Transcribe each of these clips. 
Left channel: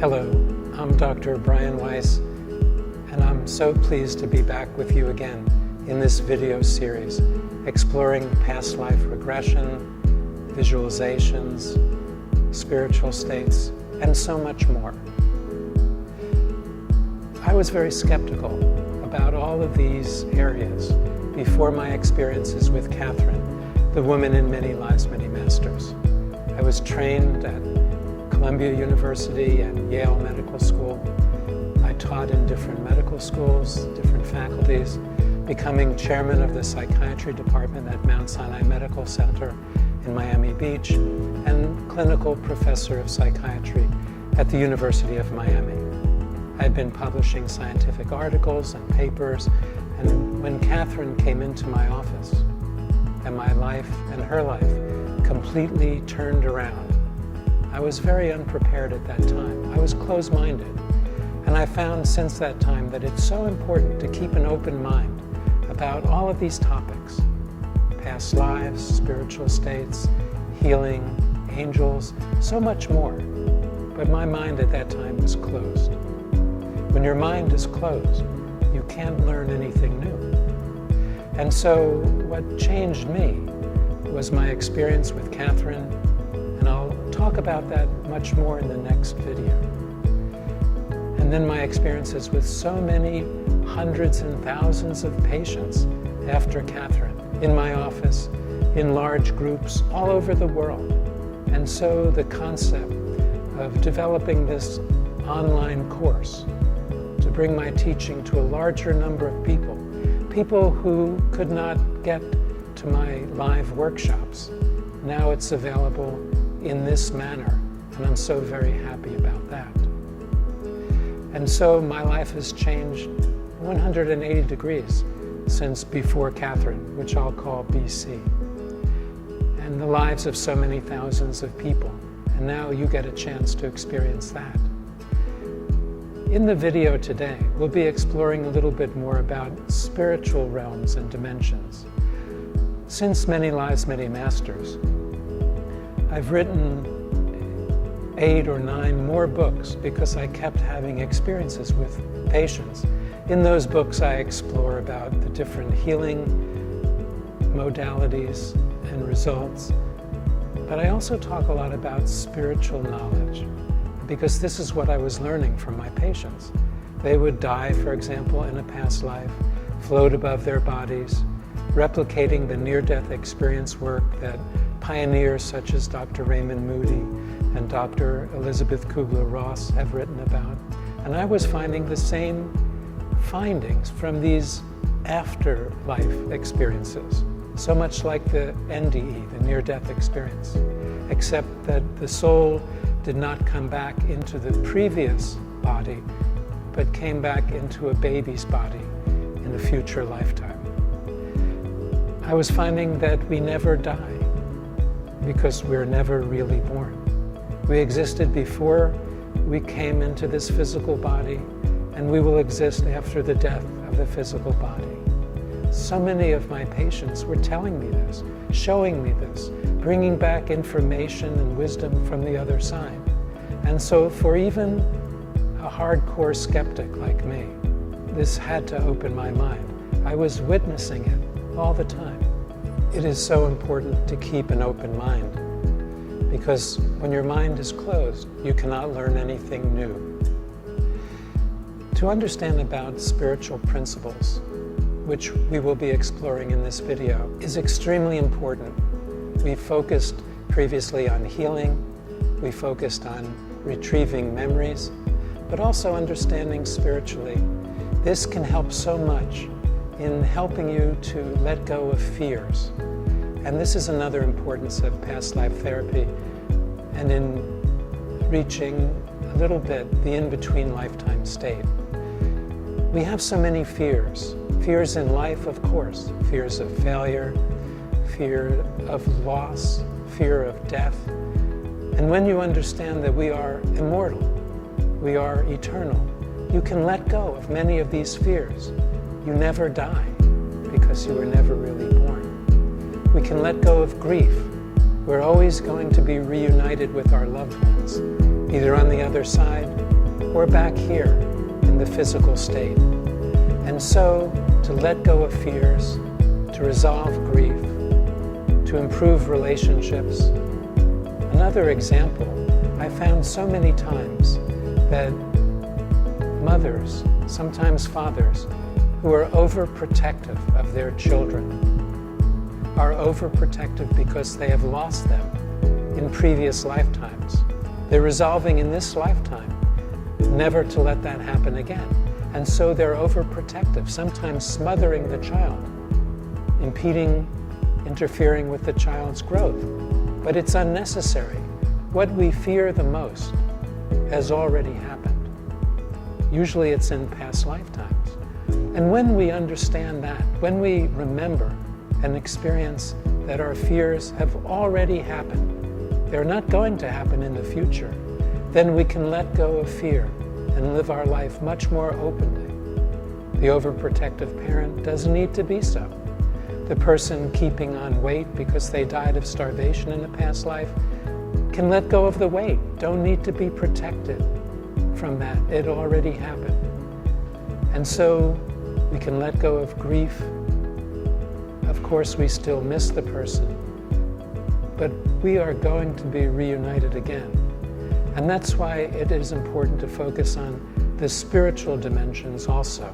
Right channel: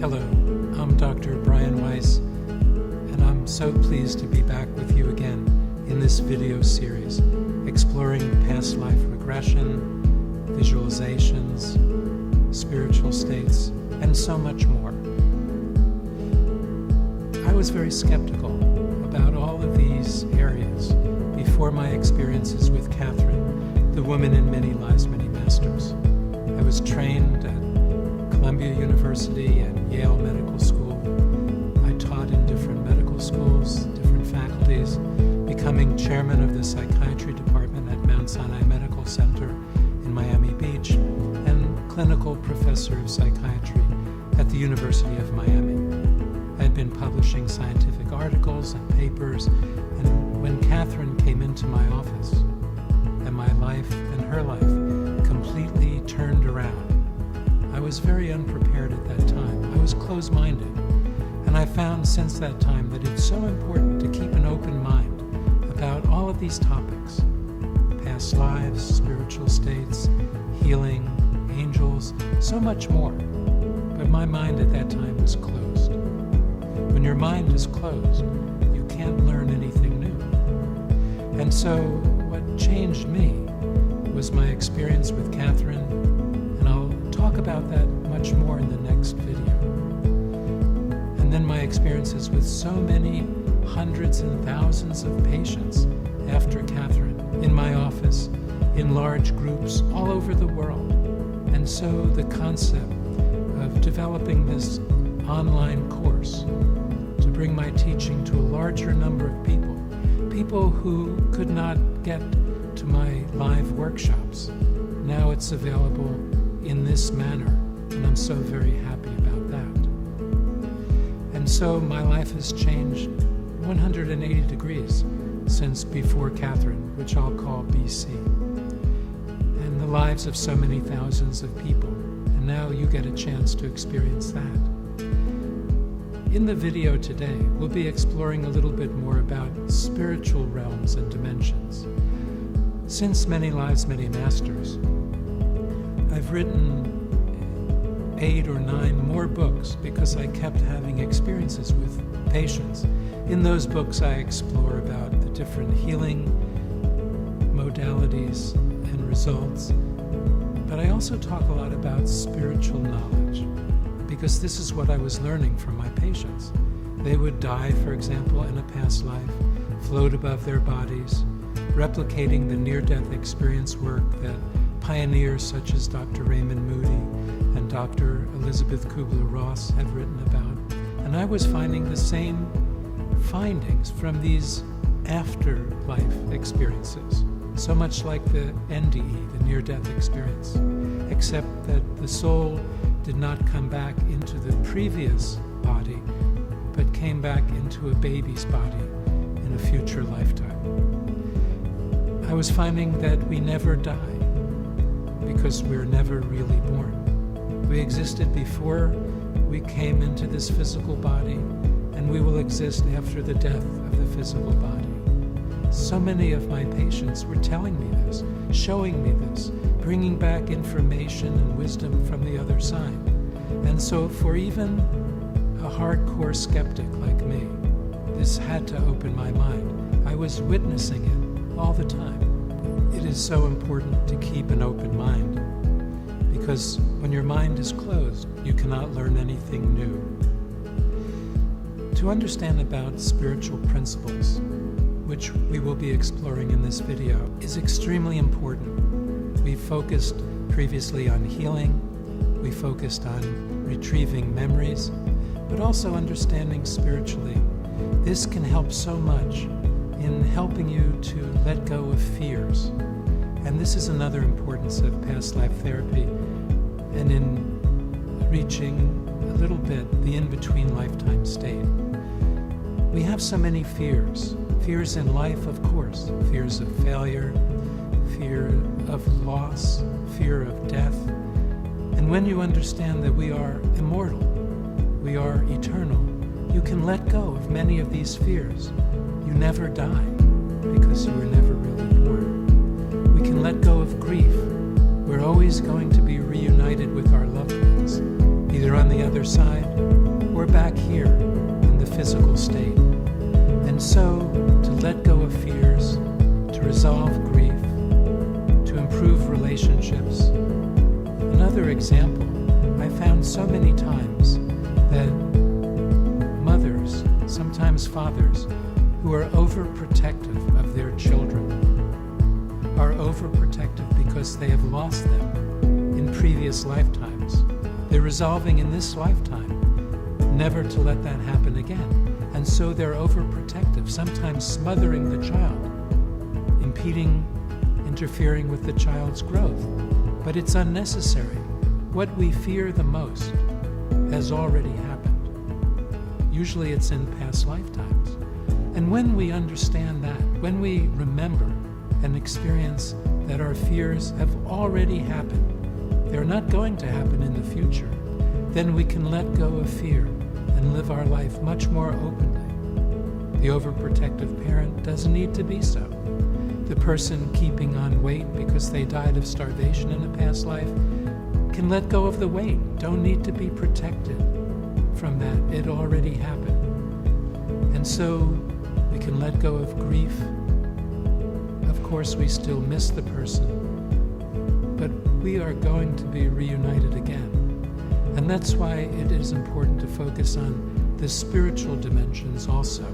Hello, I'm Dr. Brian Weiss, and I'm so pleased to be back with you again in this video series exploring past life regression, visualizations, spiritual states, and so much more. I was very skeptical about all of these areas before my experiences with Catherine, the woman in many lives, many masters. I was trained at Columbia University and Yale Medical School. I taught in different medical schools, different faculties, becoming chairman of the psychiatry department at Mount Sinai Medical Center in Miami Beach, and clinical professor of psychiatry at the University of Miami. I'd been publishing scientific articles and papers, and when Catherine came into my office, and my life and her life completely turned around, I was very unprepared at that time. I was closed-minded, and I found since that time that it's so important to keep an open mind about all of these topics: past lives, spiritual states, healing, angels, so much more. But my mind at that time was closed. When your mind is closed, you can't learn anything new. And so what changed me was my experience with Catherine, and I'll talk about that much more in the next video. And then my experiences with so many hundreds and thousands of patients after Catherine, in my office, in large groups all over the world. And so the concept of developing this online course to bring my teaching to a larger number of people who could not get to my live workshops. Now it's available in this manner, and I'm so very happy about that. And so my life has changed 180 degrees since before Catherine, which I'll call BC, and the lives of so many thousands of people. And now you get a chance to experience that. In the video today, we'll be exploring a little bit more about spiritual realms and dimensions. Since Many Lives, Many Masters, I've written 8 or 9 more books because I kept having experiences with patients. In those books, I explore about the different healing modalities and results. But I also talk a lot about spiritual knowledge, because this is what I was learning from my patients. They would die, for example, in a past life, float above their bodies, replicating the near-death experience work that pioneers such as Dr. Raymond Moody and Dr. Elizabeth Kubler-Ross have written about. And I was finding the same findings from these afterlife experiences, so much like the NDE, the near-death experience, except that the soul did not come back into the previous body, but came back into a baby's body in a future lifetime. I was finding that we never die because we're never really born. We existed before we came into this physical body, and we will exist after the death of the physical body. So many of my patients were telling me this, showing me this, bringing back information and wisdom from the other side. And so for even a hardcore skeptic like me, this had to open my mind. I was witnessing it all the time. It is so important to keep an open mind, because when your mind is closed, you cannot learn anything new. To understand about spiritual principles, which we will be exploring in this video, is extremely important. We focused previously on healing, we focused on retrieving memories, but also understanding spiritually. This can help so much in helping you to let go of fears. And this is another importance of past life therapy, and in reaching a little bit the in-between lifetime state. We have so many fears. Fears in life, of course. Fears of failure, fear of loss, fear of death. And when you understand that we are immortal, we are eternal, you can let go of many of these fears. You never die because you were never really born. We can let go of grief. We're always going to be reunited with our loved ones, either on the other side or back here in the physical state. And so, to let go of fears, to resolve grief, to improve relationships. Another example, I found so many times that mothers, sometimes fathers, who are overprotective of their children are overprotective because they have lost them in previous lifetimes. They're resolving in this lifetime never to let that happen again. And so they're overprotective, sometimes smothering the child, impeding, interfering with the child's growth. But it's unnecessary. What we fear the most has already happened. Usually it's in past lifetimes. And when we understand that, when we remember and experience that our fears have already happened, they're not going to happen in the future, then we can let go of fear and live our life much more openly. The overprotective parent doesn't need to be so. The person keeping on weight because they died of starvation in a past life can let go of the weight. Don't need to be protected from that. It already happened. And so we can let go of grief. Of course, we still miss the person, but we are going to be reunited again. And that's why it is important to focus on the spiritual dimensions also.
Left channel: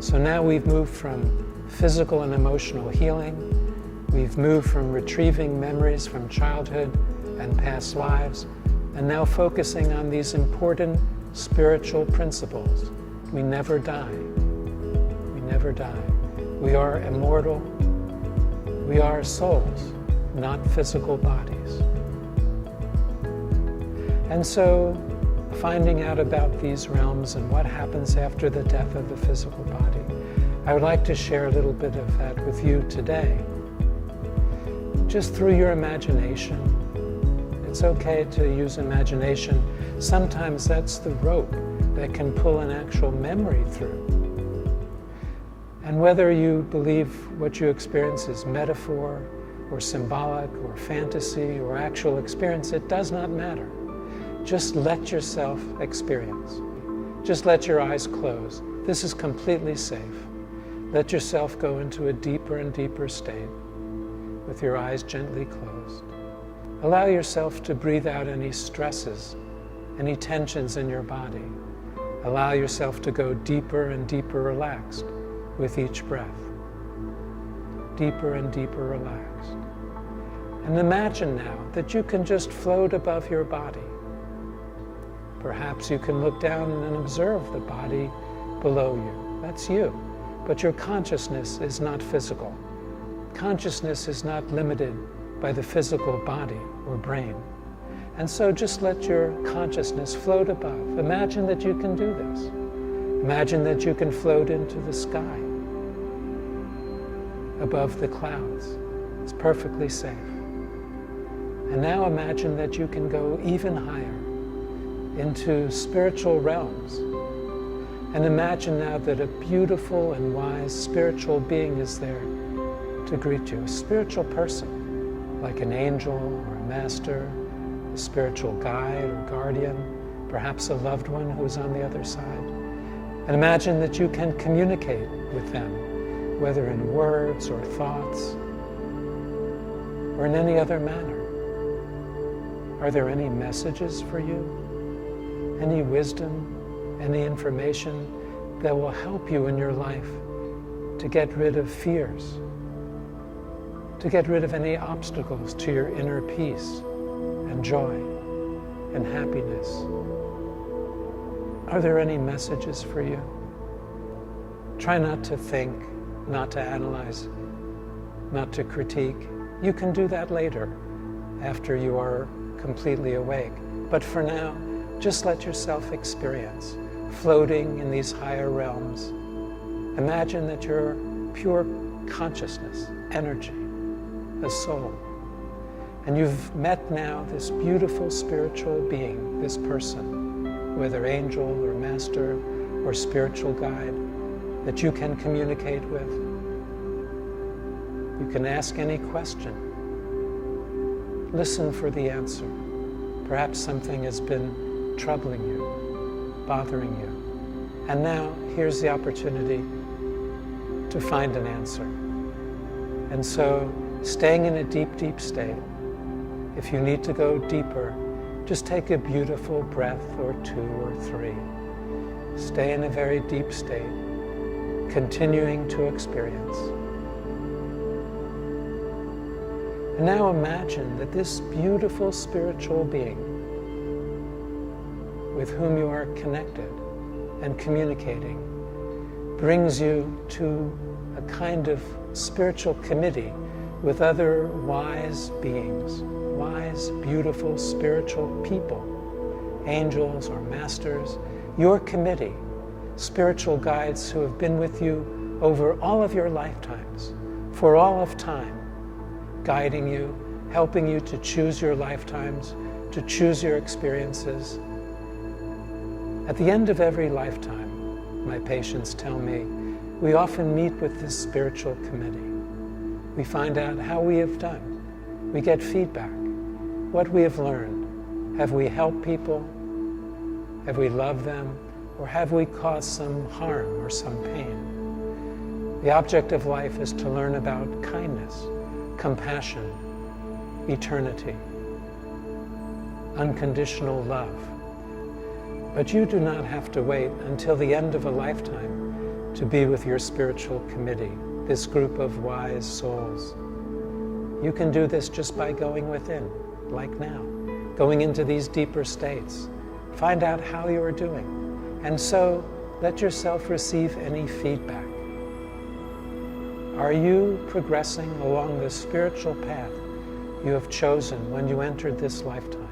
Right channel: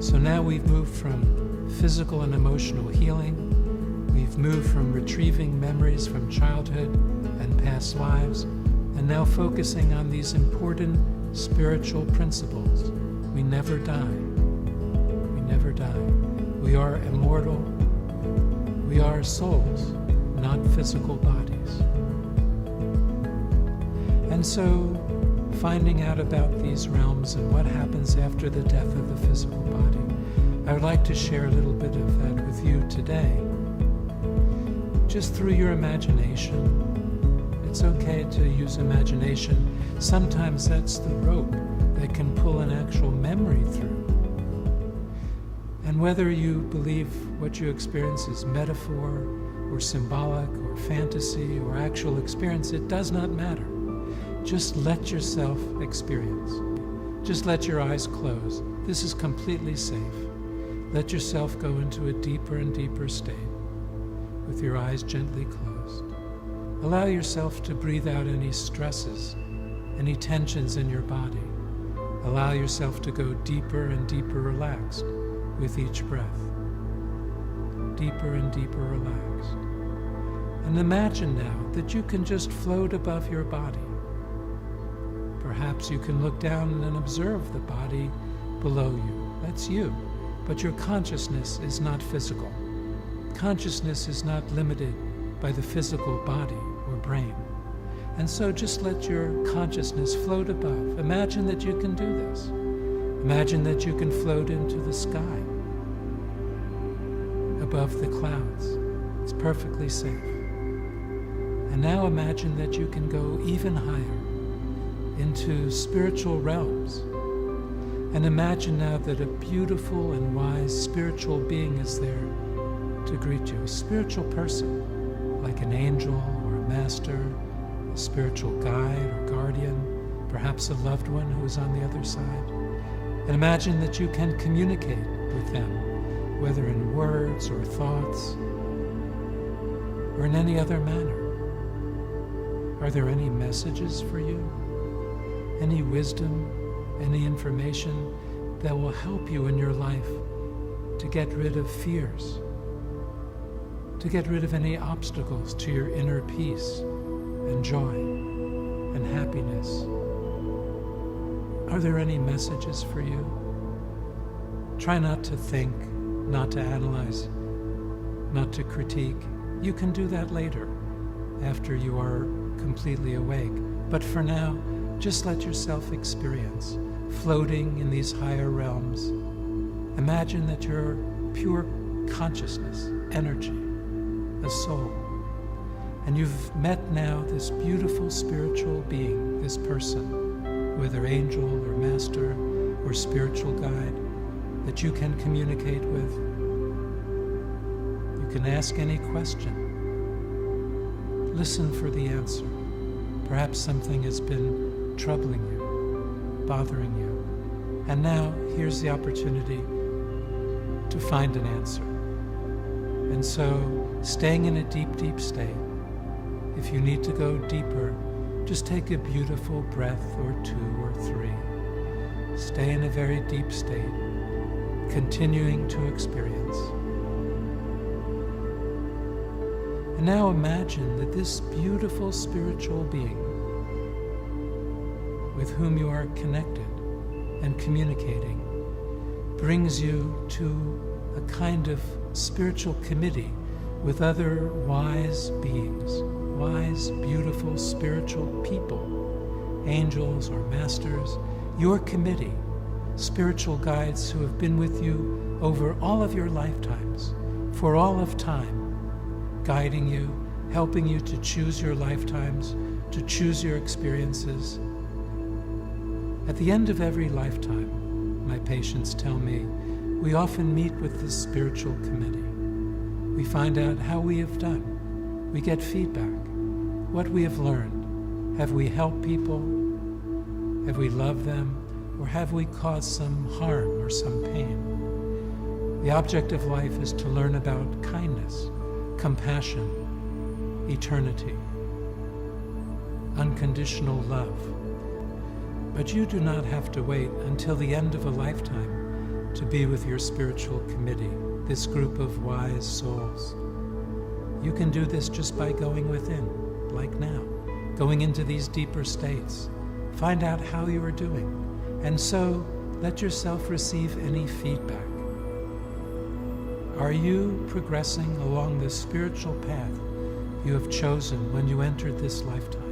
So now we've moved from physical and emotional healing. We've moved from retrieving memories from childhood and past lives, and now focusing on these important spiritual principles. We never die. We never die. We are immortal. We are souls, not physical bodies. And so, finding out about these realms and what happens after the death of the physical body, I would like to share a little bit of that with you today. Just through your imagination. It's okay to use imagination. Sometimes that's the rope that can pull an actual memory through. And whether you believe what you experience is metaphor or symbolic or fantasy or actual experience, it does not matter. Just let yourself experience. Just let your eyes close. This is completely safe. Let yourself go into a deeper and deeper state with your eyes gently closed. Allow yourself to breathe out any stresses, any tensions in your body. Allow yourself to go deeper and deeper relaxed with each breath. Deeper and deeper relaxed. And imagine now that you can just float above your body. Perhaps you can look down and observe the body below you. That's you. But your consciousness is not physical. Consciousness is not limited by the physical body or brain. And so just let your consciousness float above. Imagine that you can do this. Imagine that you can float into the sky, above the clouds. It's perfectly safe. And now imagine that you can go even higher into spiritual realms. And imagine now that a beautiful and wise spiritual being is there to greet you. A spiritual person, like an angel or a master, a spiritual guide or guardian, perhaps a loved one who is on the other side. And imagine that you can communicate with them, whether in words or thoughts or in any other manner. Are there any messages for you? Any wisdom? Any information that will help you in your life to get rid of fears, to get rid of any obstacles to your inner peace and joy and happiness? Are there any messages for you? Try not to think, not to analyze, not to critique. You can do that later, after you are completely awake. But for now, just let yourself experience floating in these higher realms. Imagine that you're pure consciousness, energy, a soul. And you've met now this beautiful spiritual being, this person, whether angel or master or spiritual guide, that you can communicate with. You can ask any question. Listen for the answer. Perhaps something has been troubling you. bothering you. And now, here's the opportunity to find an answer. And so, staying in a deep, deep state, if you need to go deeper, just take a beautiful breath or 2 or 3. Stay in a very deep state, continuing to experience. And now imagine that this beautiful spiritual being with whom you are connected and communicating brings you to a kind of spiritual committee with other wise beings, wise, beautiful, spiritual people, angels or masters, your committee, spiritual guides who have been with you over all of your lifetimes, for all of time, guiding you, helping you to choose your lifetimes, to choose your experiences. At the end of every lifetime, my patients tell me, we often meet with this spiritual committee. We find out how we have done. We get feedback, what we have learned. Have we helped people? Have we loved them? Or have we caused some harm or some pain? The object of life is to learn about kindness, compassion, eternity, unconditional love. But you do not have to wait until the end of a lifetime to be with your spiritual committee, this group of wise souls. You can do this just by going within, like now, going into these deeper states. Find out how you are doing, and so let yourself receive any feedback. Are you progressing along the spiritual path you have chosen when you entered this lifetime?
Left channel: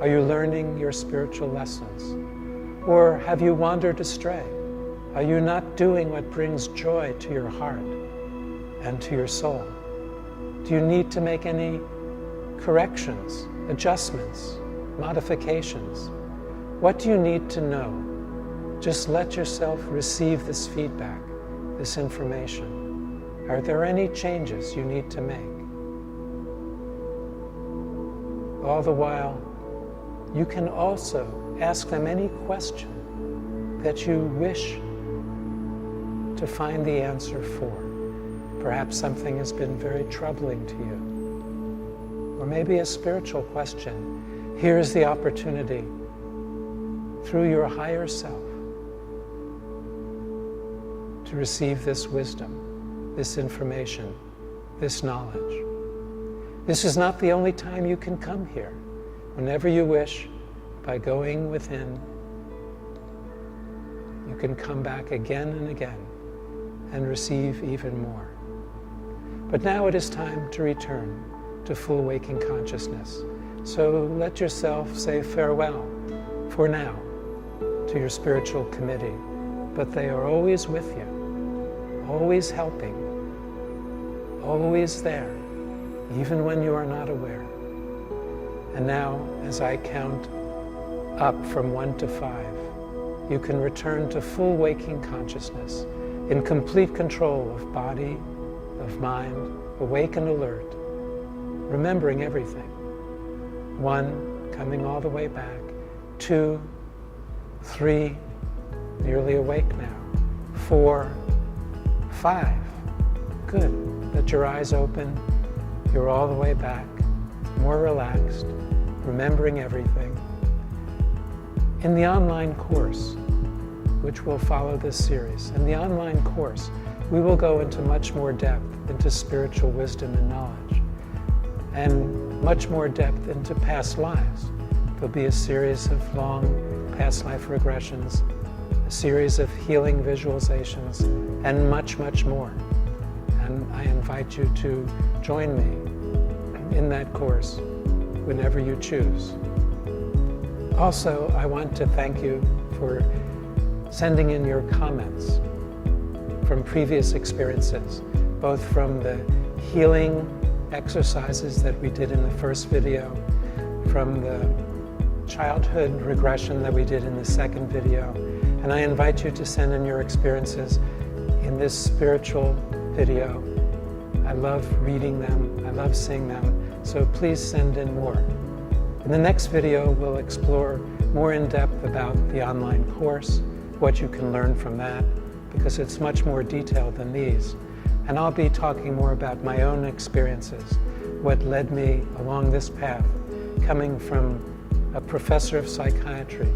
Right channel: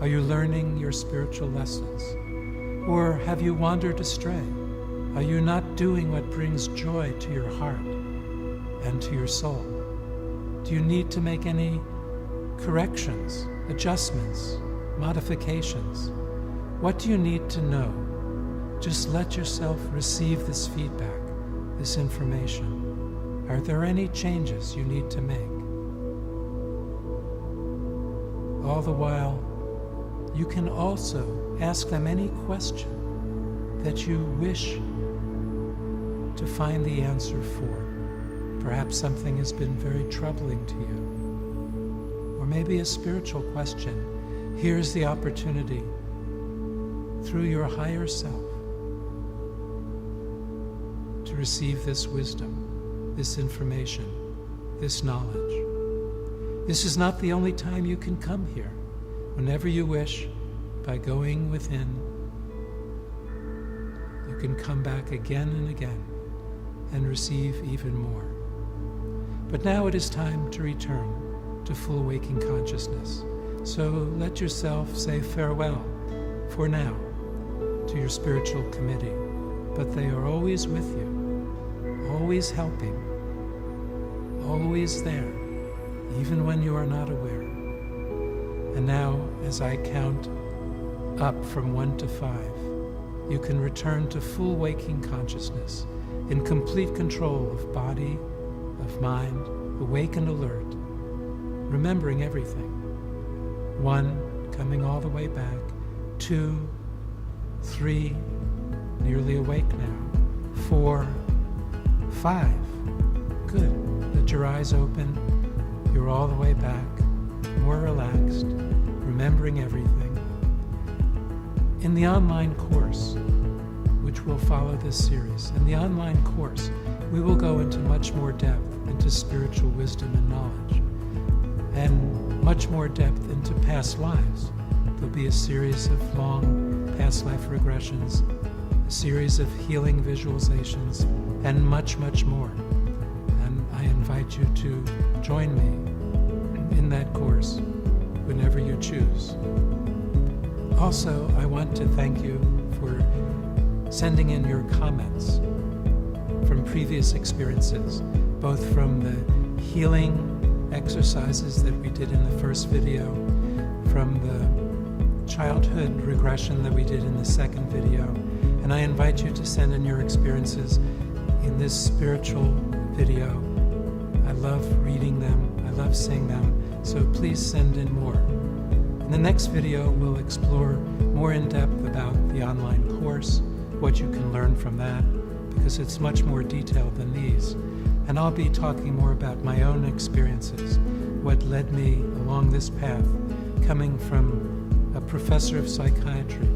Are you learning your spiritual lessons? Or have you wandered astray? Are you not doing what brings joy to your heart and to your soul? Do you need to make any corrections, adjustments, modifications? What do you need to know? Just let yourself receive this feedback, this information. Are there any changes you need to make? All the while, you can also ask them any question that you wish to find the answer for. Perhaps something has been very troubling to you. Or maybe a spiritual question. Here is the opportunity through your higher self to receive this wisdom, this information, this knowledge. This is not the only time you can come here. Whenever you wish, by going within, you can come back again and again and receive even more. But now it is time to return to full waking consciousness. So let yourself say farewell for now to your spiritual committee. But they are always with you, always helping, always there, even when you are not aware. And now, as I count up from 1 to 5, you can return to full waking consciousness, in complete control of body, of mind, awake and alert, remembering everything. 1, coming all the way back. 2, 3, nearly awake now. 4, 5, good. Let your eyes open. You're all the way back, more relaxed, remembering everything. In the online course, which will follow this series, in the online course, we will go into much more depth into spiritual wisdom and knowledge, and much more depth into past lives. There'll be a series of long past life regressions, a series of healing visualizations, and much, much more. And I invite you to join me in that course whenever you choose. Also, I want to thank you for sending in your comments from previous experiences, both from the healing exercises that we did in the first video, from the childhood regression that we did in the second video. And I invite you to send in your experiences in this spiritual video. I love reading them. I love seeing them. So please send in more. In the next video, we'll explore more in depth about the online course, what you can learn from that, because it's much more detailed than these. And I'll be talking more about my own experiences, what led me along this path, coming from a professor of psychiatry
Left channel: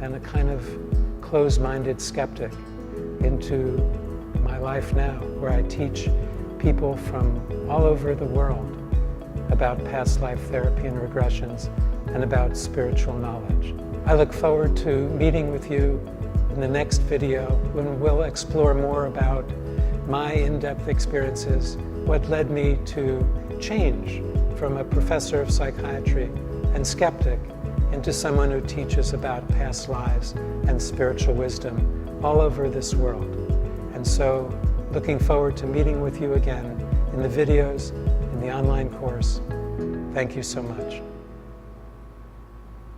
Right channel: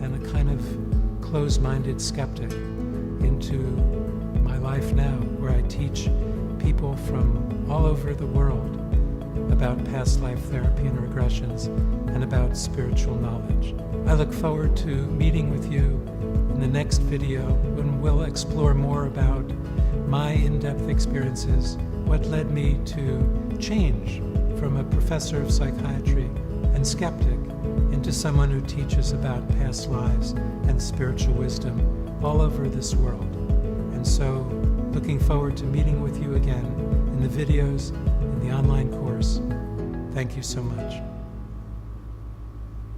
and a kind of closed-minded skeptic into my life now, where I teach people from all over the world about past life therapy and regressions and about spiritual knowledge. I look forward to meeting with you in the next video when we'll explore more about my in-depth experiences, what led me to change from a professor of psychiatry and skeptic into someone who teaches about past lives and spiritual wisdom all over this world. And so, looking forward to meeting with you again in the videos, in the online course. Thank you so much.